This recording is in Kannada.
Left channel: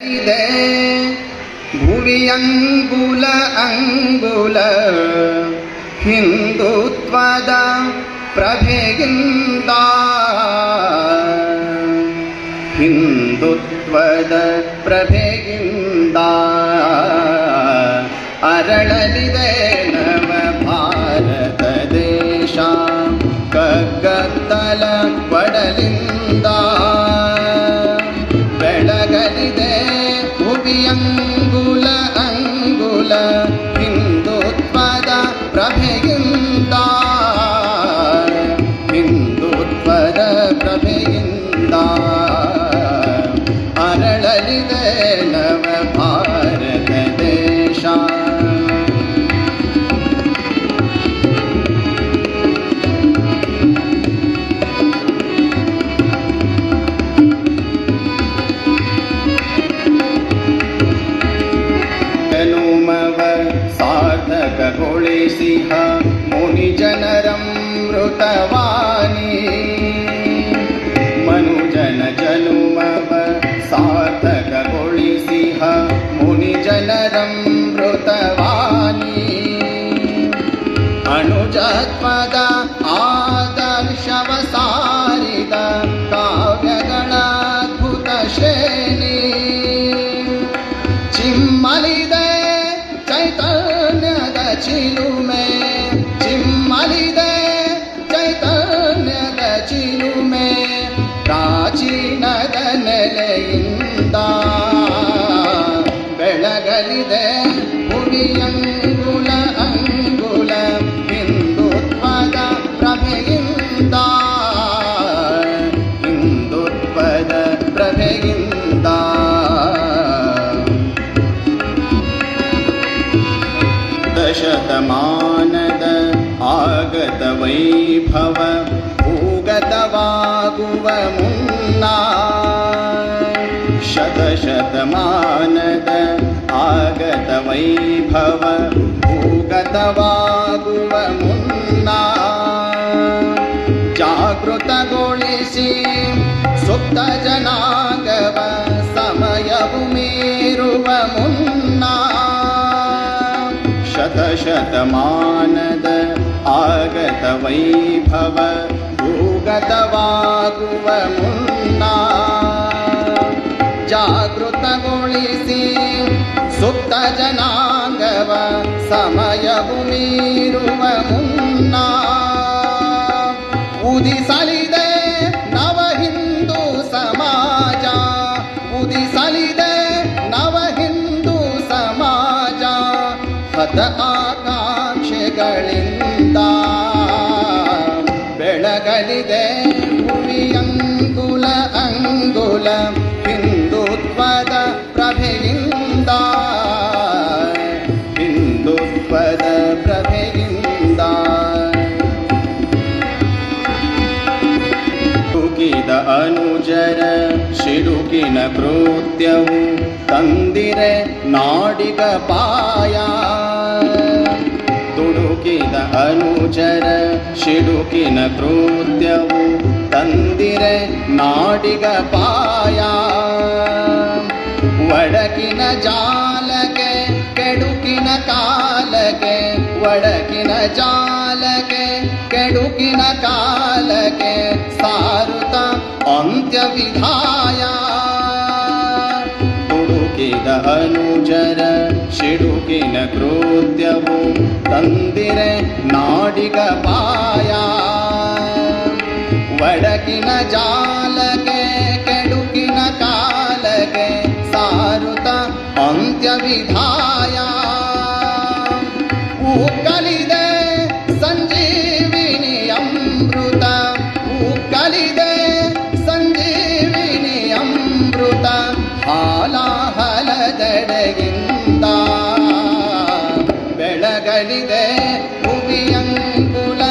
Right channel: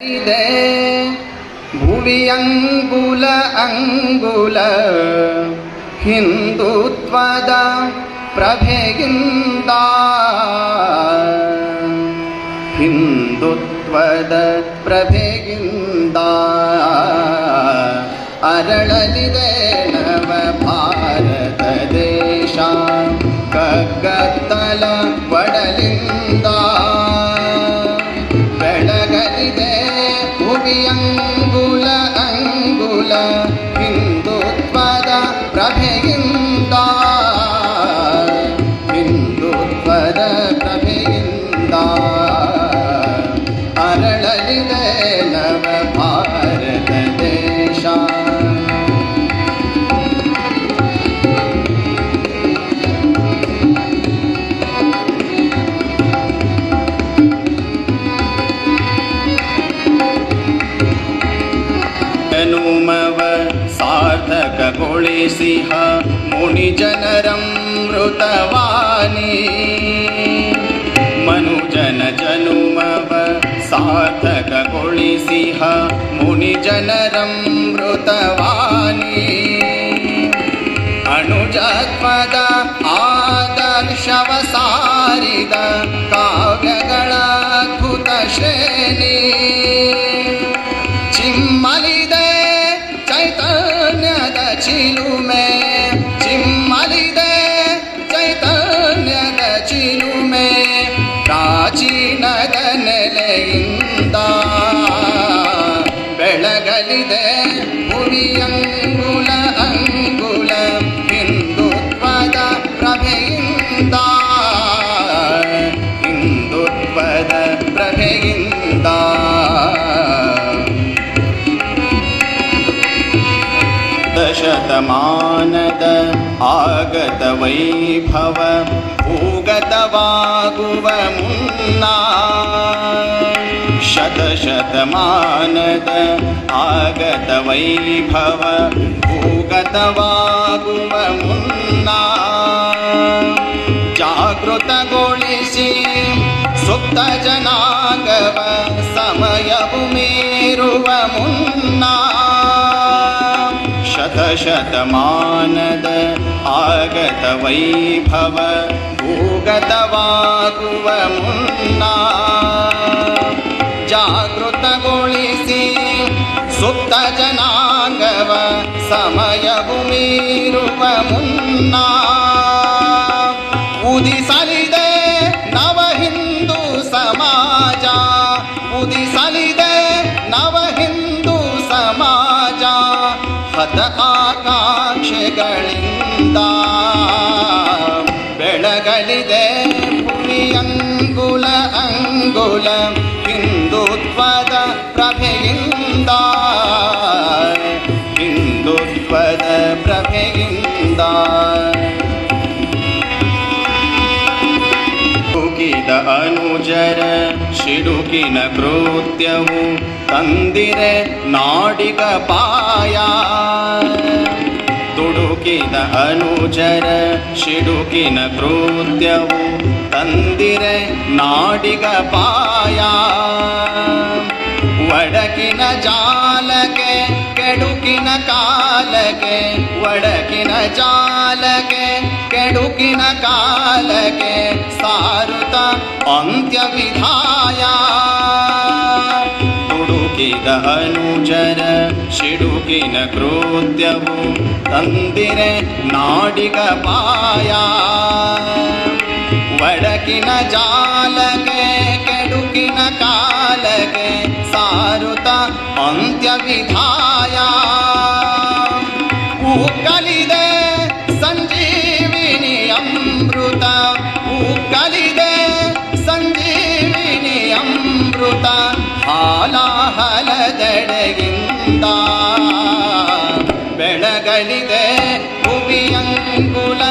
ಇದೆ ಭುವಿಯಂಗುಲ ಅಂಗುಲ ಹಿಂದುತ್ವದ ಪ್ರಭೆಗಿಂದ ಹಿಂದುತ್ವದ ಪ್ರಭೆಗಿಂದ ಅರಳಲಿದೆ ನವ ಭಾರತ ದೇಶ ಕಗ್ಗತ್ತಲ ಬಡಲಿಂದ ಬೆಳಗಲಿದೆ ಭುವಿಯಂಗುಲ ಅಂಗುಲ ಹಿಂದುತ್ವದ ಪ್ರಭೆಯಿಂದ ಹಿಂದುತ್ವದ ಪ್ರಭೆಯಿಂದ ಅರಳಲಿದೆ ನವ ಭಾರತ ದೇಶ. ಸಾರ್ಥಕಗೊಳಿಸಿಹ ಮುನಿಜನರಮೃತವಾಣಿ ಮನುಜನ ಜನುಮವ ಸಾರ್ಥಕಗೊಳಿಸಿಹ ಮುನಿಜನರಮೃತವಾಣಿ ಅನುಜತ್ವದ ಆದರ್ಶವ ಸಾರಿದ ಕಾವ್ಯಗಳ ಅದ್ಭುತ ಶ್ರೇಣಿ ಚಿಮ್ಮಲಿದೆ ಚೈತನ್ಯದ ಚಿಲುಮೆ ಚಿಮ್ಮಲಿದೆ ಚೈತನ್ಯದ ಚಿಲುಮೆ ಪ್ರಾಚೀನದ ನೆಲೆಯಿಂದ ಬೆಳಗಲಿದೆ ಭುವಿಯಂಗುಲ ಅಂಗುಲ ಹಿಂದುತ್ವದ ಪ್ರಭೆಯಿಂದ ಹಿಂದುತ್ವದ ಪ್ರಭೆಯಿಂದ ಶತಮಾನದ ಆಗತ ವೈಭವ ಭೂಗತವಾಗುವ ಮುನ್ನ ಶತಶತಮಾನದ ಆಗತ ವೈಭವ ಭೂಗತವಾಗುವ ಮುನ್ನ ಜಾಗೃತಗೊಳಿಸಿ ಸುಪ್ತ ಜನಾಂಗವ ಸಮಯವು ಮೀರುವ ಮುನ್ನ ಶತಶತಮಾನದ ಆಗತ ವೈಭವ ಭೂಗತವಾಗುವ ಮುನ್ನ ಜಾಗೃತಗೊಳಿಸಿ ಸುಪ್ತ ಜನಾಂಗವ ಸಮಯವು ಮೀರುವ ಮುನ್ನ ಉದಿಸಲಿದೆ ನವ ಹಿಂದೂ ಸಮಾಜ ಉದಿಸಲಿದೆ ನವ ಹಿಂದೂ ಸಮಾಜ ಹತ ಆಕಾಂಕ್ಷೆಗಳಿಂದ ಬೆಳಗಲಿದೆ ಭುವಿಯಂಗುಲ ಅಂಗುಲ ಹಿಂದುತ್ವದ ಪ್ರಭೆಯಿಂದ ಹಿಂದುತ್ವದ ಪ್ರಭೆಯಿಂದ ತುಕಿದ ಅನುಜರ ಸಿಡುಕಿನ ಕೃತ್ಯವು ತಂದಿರೆ ನಾಡಿಗ ಪಾಯ ತುಡುಕಿದ ಅನುಜರ ಸಿಡುಕಿನ ಕೃತ್ಯವು ತಂದಿರೆ ನಾಡಿಗ ಪಾಯ ಒಡಕಿನ ಜಾಲಕ್ಕೆ ಕೆಡುಕಿನ ಕಾಲಕ್ಕೆ ಒಡಕಿನ ಜಾಲಕ್ಕೆ ಕೆಡುಕಿನ ಕಾಲಕ್ಕೆ ಸಾರುತ ಅಂತ್ಯ ವಿಧಾಯ ತುಡುಕಿದ ಅನುಜರ ಸಿಡುಕಿನ ಕೃತ್ಯವು ತಂದಿರೆ ನಾಡಿಗ ಪಾಯ ಒಡಕಿನ ಜಾಲಕ್ಕೆ ಕೆಡುಕಿನ ಕಾಲಕ್ಕೆ ಸಾರುತ ಅಂತ್ಯ ವಿಧಾಯ ಉಕ್ಕಲಿದೆ ಸಂಜೀವಿನಿ ಅಮೃತ ಉಕ್ಕಲಿದೆ ಸಂಜೀವಿನಿ ಅಮೃತ ಹಾಲಾಹಲದೆಡೆಗಿಂದ ಬೆಳಗಲಿದೆ ಭುವಿಯಂಗುಲ